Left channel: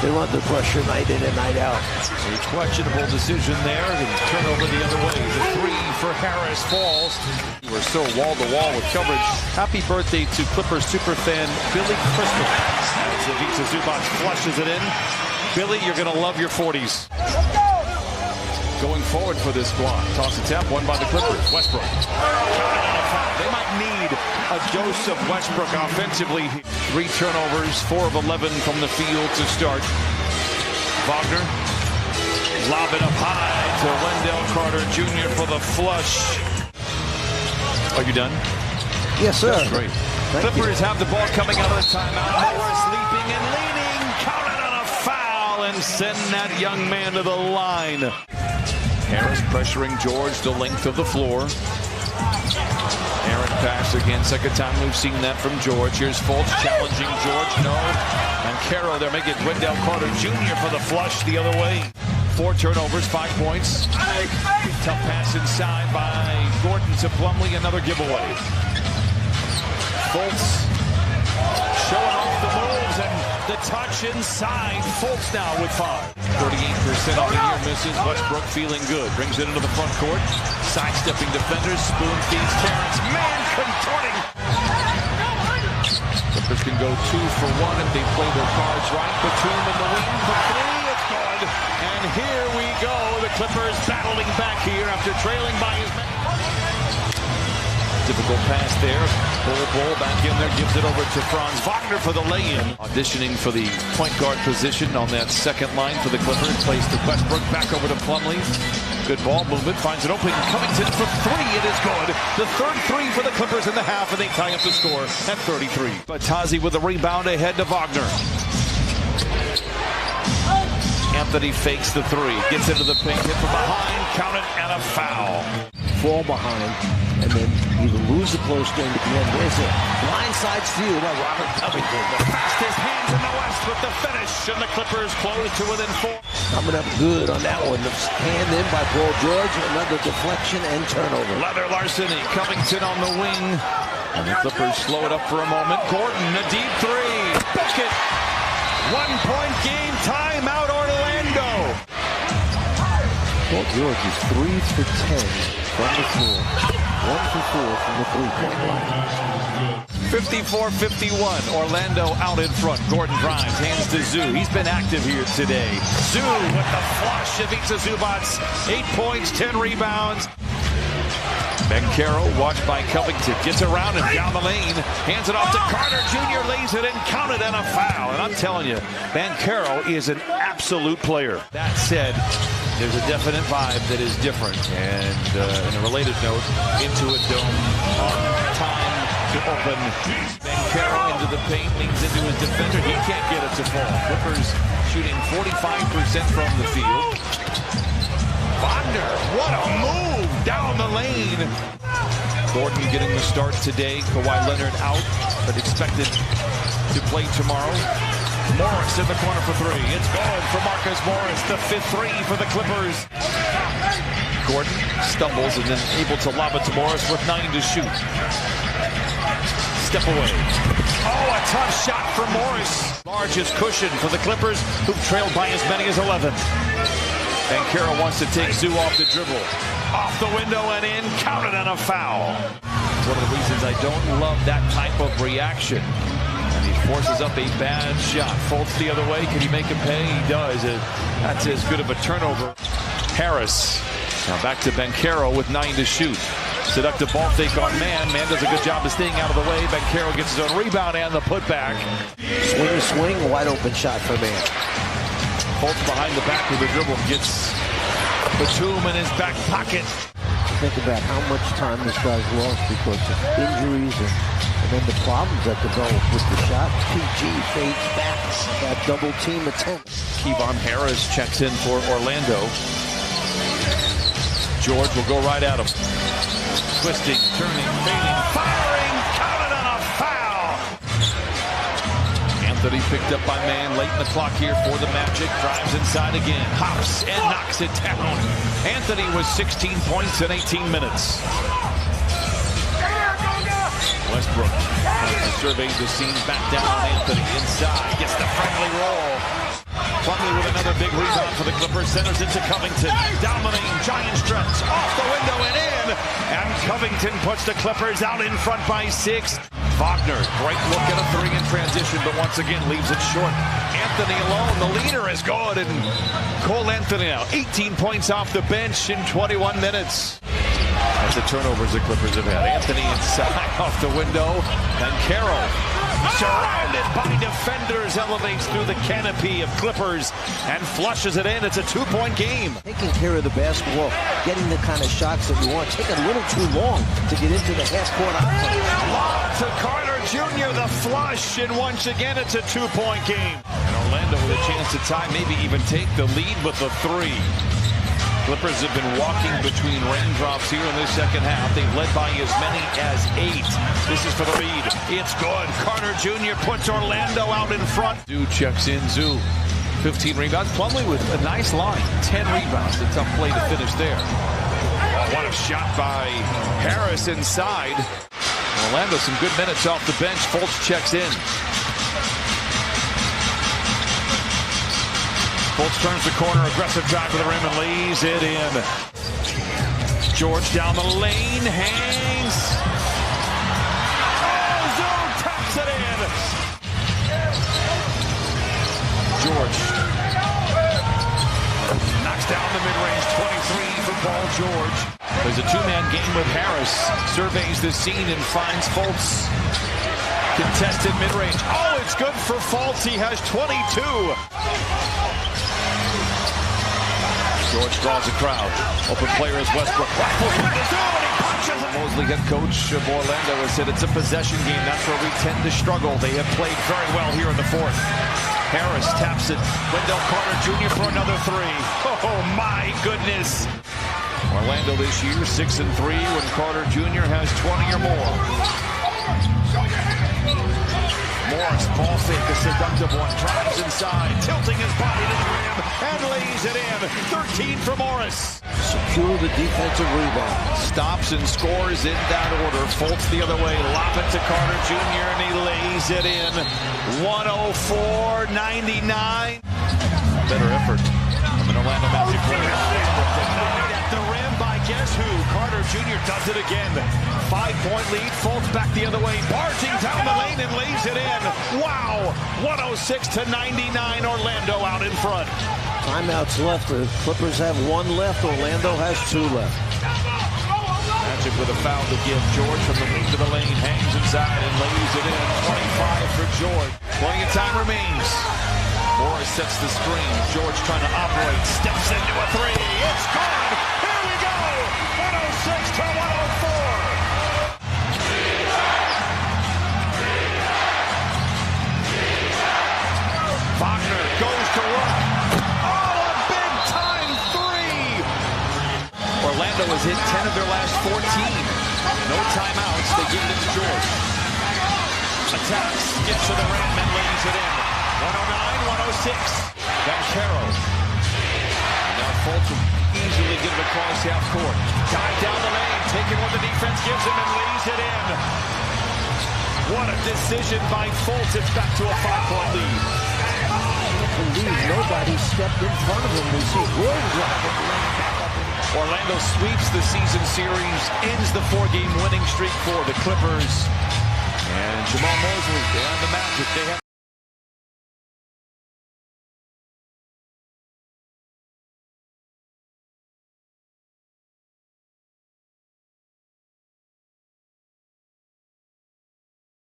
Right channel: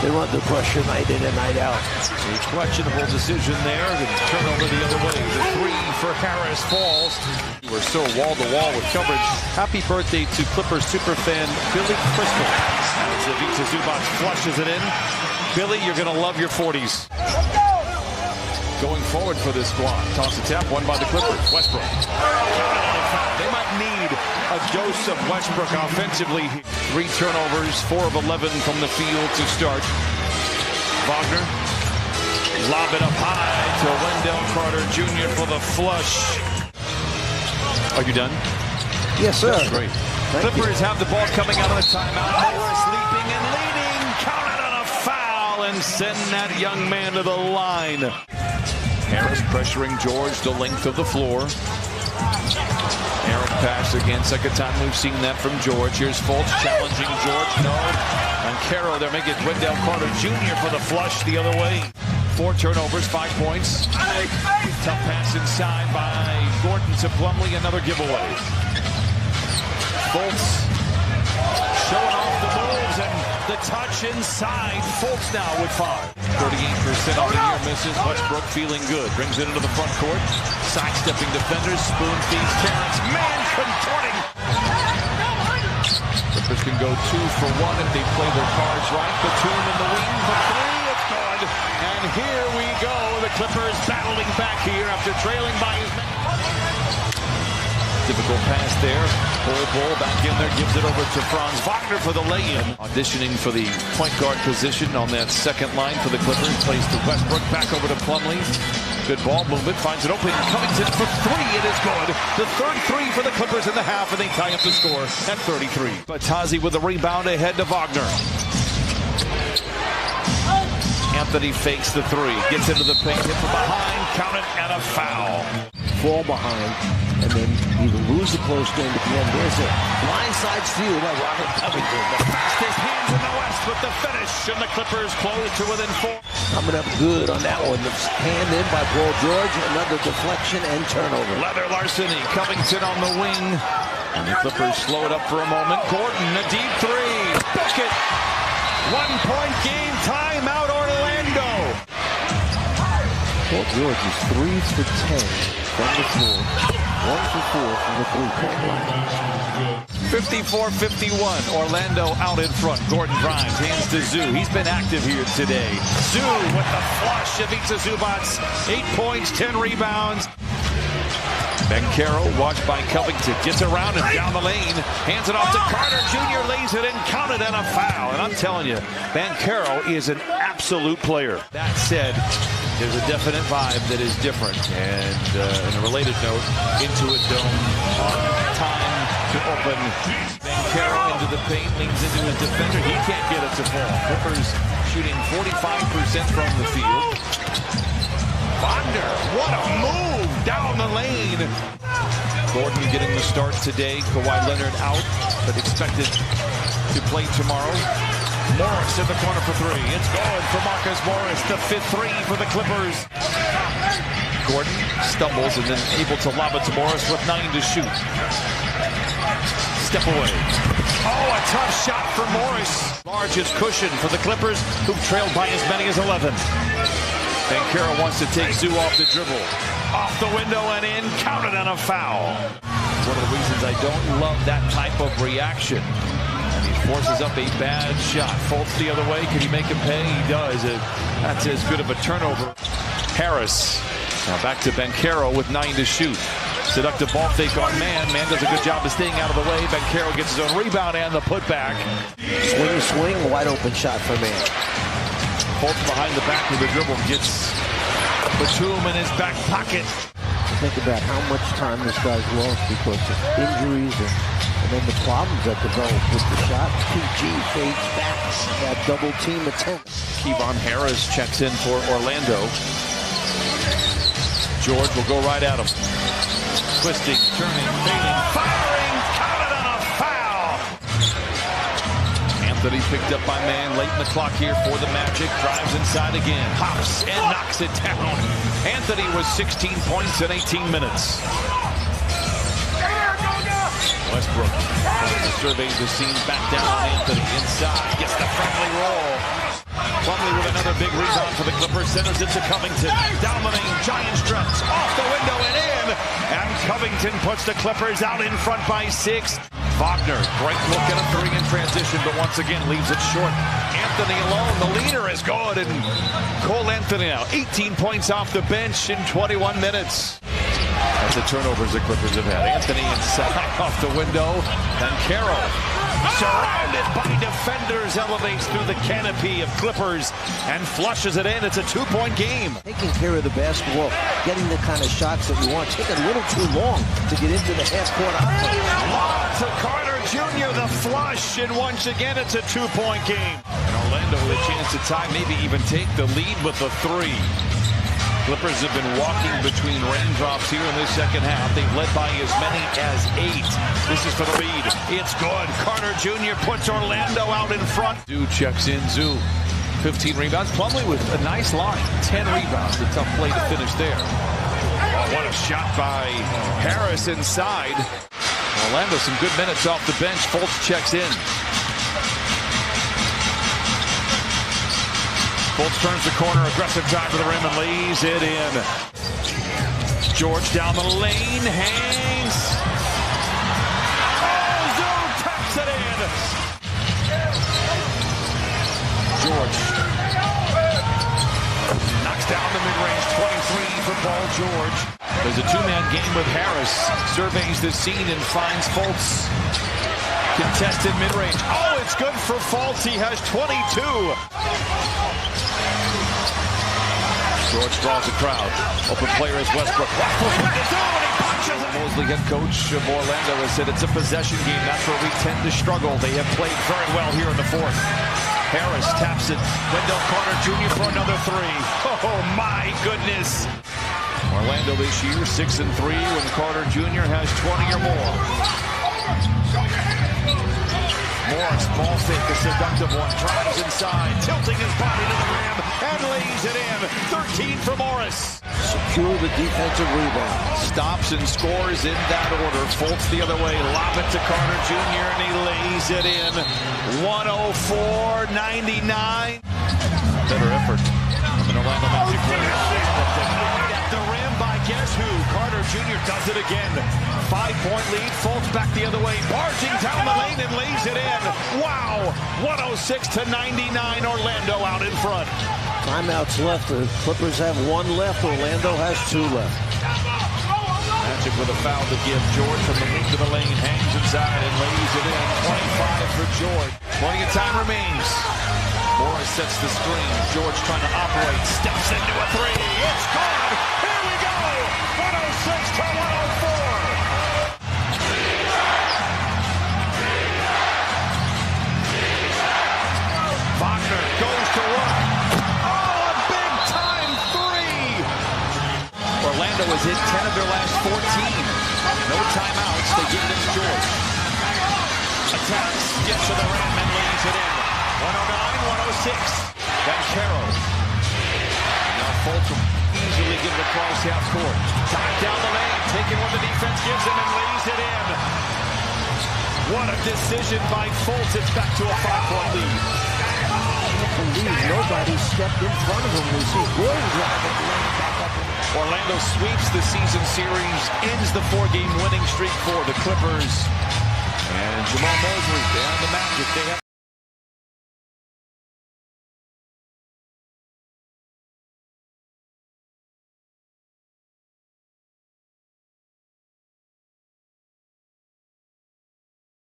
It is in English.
They're under pressure night in and night out. A questionable decision there, and turnover the other way. The three for Harris falls. We're still wall-to-wall with coverage. Happy birthday to Clippers superfan Billy Crystal. As Ivica Zubac flushes it in. Billy, you're going to love your 40s. Going forward for this squad. Toss a tap, won by the Clippers. Westbrook. Counted on a foul. They might need a dose of Westbrook offensively. 3 turnovers, 4 of 11 from the field to start. Wagner. Lob it up high to Wendell Carter Jr. for the flush. Are you done? Yes, sir. That's great. Clippers have the ball coming out of the timeout. Morris leaping and leading. Counted on a foul and send that young man to the line. Harris pressuring George the length of the floor. Aaron pass again. Second time we've seen that from George. Here's Fultz challenging George. No. And Caro, they're making Wendell Carter Jr. for the flush the other way. 4 turnovers, 5 points. Tough pass inside by Gordon to Plumlee. Another giveaway. Fultz showing off the moves and the touch inside. Fultz now with 5. 38% on the year misses. Westbrook feeling good. Brings it into the front court. Sidestepping defenders. Spoon feeds Terrence. Man contorting. Clippers can go 2 for 1 if they play their cards right. Batum in the wing for 3. It's good. And here we go. The Clippers battling back here after trailing by his man. Difficult pass there. Bull back in there, gives it over to Franz Wagner for the lay-in. Auditioning for the point guard position on that second line for the Clippers. Plays to Westbrook, back over to Plumlee. Good ball movement, finds it open. Covington for 3, it is good. The third 3 for the Clippers in the half, and they tie up the score at 33. Batazi with a rebound ahead to Wagner. Anthony fakes the 3, gets into the paint, hit from behind, counted, and a foul. Fall behind, and then either lose the close game at the end. There's a blindside steal by Robert Covington. The fastest hands in the West with the finish, and the Clippers close to within 4. Coming up good on that one. The hand in by Paul George, another deflection and turnover. Leather larceny, Covington on the wing, and the Clippers slow it up for a moment. Gordon, a deep 3, book it. 1-point game, timeout Orlando. Paul George is 3 for 10 from the floor, 1 for 4 from the 3-point line. 54-51, Orlando out in front. Gordon drives, hands to Zoo. He's been active here today. Zoo with the flush. Ivica Zubac, 8 points, 10 rebounds. Banchero, watched by Covington, gets around him down the lane, hands it off to Carter Jr., lays it in, counted, and a foul. And I'm telling you, Banchero is an absolute player. That said, there's a definite vibe that is different. And in a related note, Intuit Dome on time to open. Banchero into the paint, leans into his defender. He can't get it to fall. Clippers shooting 45% from the field. Wagner, what a move down the lane. Gordon getting the start today. Kawhi Leonard out, but expected to play tomorrow. Morris in the corner for 3. It's good for Marcus Morris, the 5th 3 for the Clippers. Gordon stumbles and then able to lob it to Morris with 9 to shoot. Step away. Oh, a tough shot for Morris. Largest cushion for the Clippers, who've trailed by as many as 11. Banchero wants to take Zoo off the dribble. Off the window and in, counted on a foul. One of the reasons I don't love that type of reaction. And he forces up a bad shot. Fultz the other way. Can he make him pay? He does. That's as good of a turnover. Harris. Now back to Banchero with 9 to shoot. Seductive ball fake on Man. Man does a good job of staying out of the way. Banchero gets his own rebound and the putback. Swing, wide open shot for Man. Fultz behind the back with the dribble. Gets Batum in his back pocket. Think about how much time this guy's lost because of injuries and then the problems that develop with the shot. PG fades back. That double team attempt. Kevon Harris checks in for Orlando. George will go right at him. Twisting, turning, fading, firing, counted on a foul. Anthony picked up by Man late in the clock here for the Magic. Drives inside again, hops and knocks it down. Anthony was 16 points in 18 minutes. Westbrook tries to survey the scene, back down on Anthony. Inside, gets the friendly roll. Plumlee with another big rebound for the Clippers. Centers into Covington. Down the lane. Giant stretch. Off the window and in. And Covington puts the Clippers out in front by 6. Wagner, great look at a 3 in transition, but once again leaves it short. Anthony alone. The leader is good. And Cole Anthony now 18 points off the bench in 21 minutes. That's the turnovers the Clippers have had. Anthony inside off the window. And Carroll, surrounded by defenders, elevates through the canopy of Clippers and flushes it in. It's a 2-point game. Taking care of the basketball, getting the kind of shots that you want, taking a little too long to get into the half-court offense. Lob to Carter Jr., the flush, and once again it's a 2-point game. And Orlando with a chance to tie, maybe even take the lead with a 3. Clippers have been walking between raindrops here in this second half. They've led by as many as 8. This is for the lead. It's good. Carter Jr. puts Orlando out in front. Zoo checks in. Zoo, 15 rebounds. Plumlee with a nice line. 10 rebounds. A tough play to finish there. Oh, what a shot by Harris inside. Orlando, some good minutes off the bench. FULTZ checks in. FULTZ turns the corner, aggressive drive to the rim and lays it in. George down the lane, hangs. Oh, Zoo taps it in. George knocks down the mid-range, 23 for Paul George. There's a 2-man game with Harris. Surveys the scene and finds FULTZ. Contested mid-range. Oh, it's good for FULTZ. He has 22. George draws a crowd. Open player is Westbrook. Rifles one to Zoo, and he punches it. Mosley, head coach of Orlando, has said it's a possession game. That's where we tend to struggle. They have played very well here in the 4th. Harris taps it. Wendell Carter Jr. for another 3. Oh, my goodness. Orlando this year, 6-3 when Carter Jr. has 20 or more. Morris, ball fake, a seductive one, drives inside, tilting his body to the rim, and lays it in. 13 for Morris. Secure the defensive rebound. Stops and scores in that order. FULTZ the other way, lob it to Carter Jr., and he lays it in. 104-99. Better effort from an Orlando Magic player. Westbrook denied at the rim by guess who? Carter Jr. does it again. 5-point lead. FULTZ back the other way, barging down the lane and lays it in. Wow! 106-99. Orlando out in front. Timeouts left. The Clippers have 1 left. Orlando has 2 left. Magic with a foul to give. George from the wing to the lane, hangs inside and lays it in. 25 for George. Plenty of time remains. Morris sets the screen. George trying to operate. Steps into a 3. It's good. Here we go. 106-104. Wagner goes to work. Oh, a big-time 3! Orlando has hit 10 of their last 14. No timeouts. They give it to George. Attacks, gets to the rim and lays it in. 109-106. Then Carroll. Now FULTZ will easily get it across half court. Dive down the lane, taking what the defense gives him and lays it in. What a decision by FULTZ. It's back to a 5-point lead. I can't believe nobody stepped in front of him. We see Gordon driving the lane back up. Orlando sweeps the season series, ends the 4-game winning streak for the Clippers. And Jamal Mosley and the Magic, they have